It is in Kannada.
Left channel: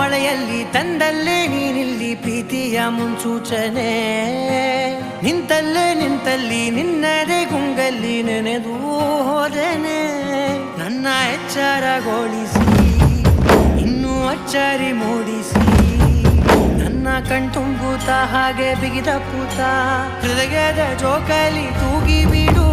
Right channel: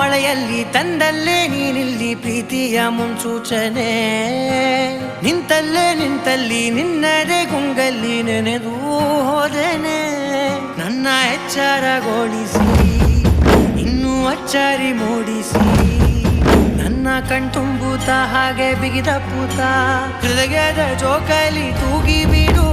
ಮಳೆಯಲ್ಲಿ ತಂದಲ್ಲೇ ನೀನಿಲ್ಲಿ ಪ್ರೀತಿಯ ಮುನ್ಸೂಚನೆ. ನಿಂತಲ್ಲಿ ನಿನ್ನದೇ ಗುಂಗಲ್ಲಿ ನೆನೆದು ಹೋದೆನೆ. ನನ್ನ ಎಚ್ಚರಗೊಳಿಸಿ ಇನ್ನೂ ಅಚ್ಚರಿ ಮೂಡಿಸಿ, ನನ್ನ ಕಣ್ತುಂಬುತ್ತ ಹಾಗೆ ಬಿಗಿದ ಪೂತ ಹೃದಯದ ಜೋಕಾಲಿ ತೂಗಿ ಬಿಡು.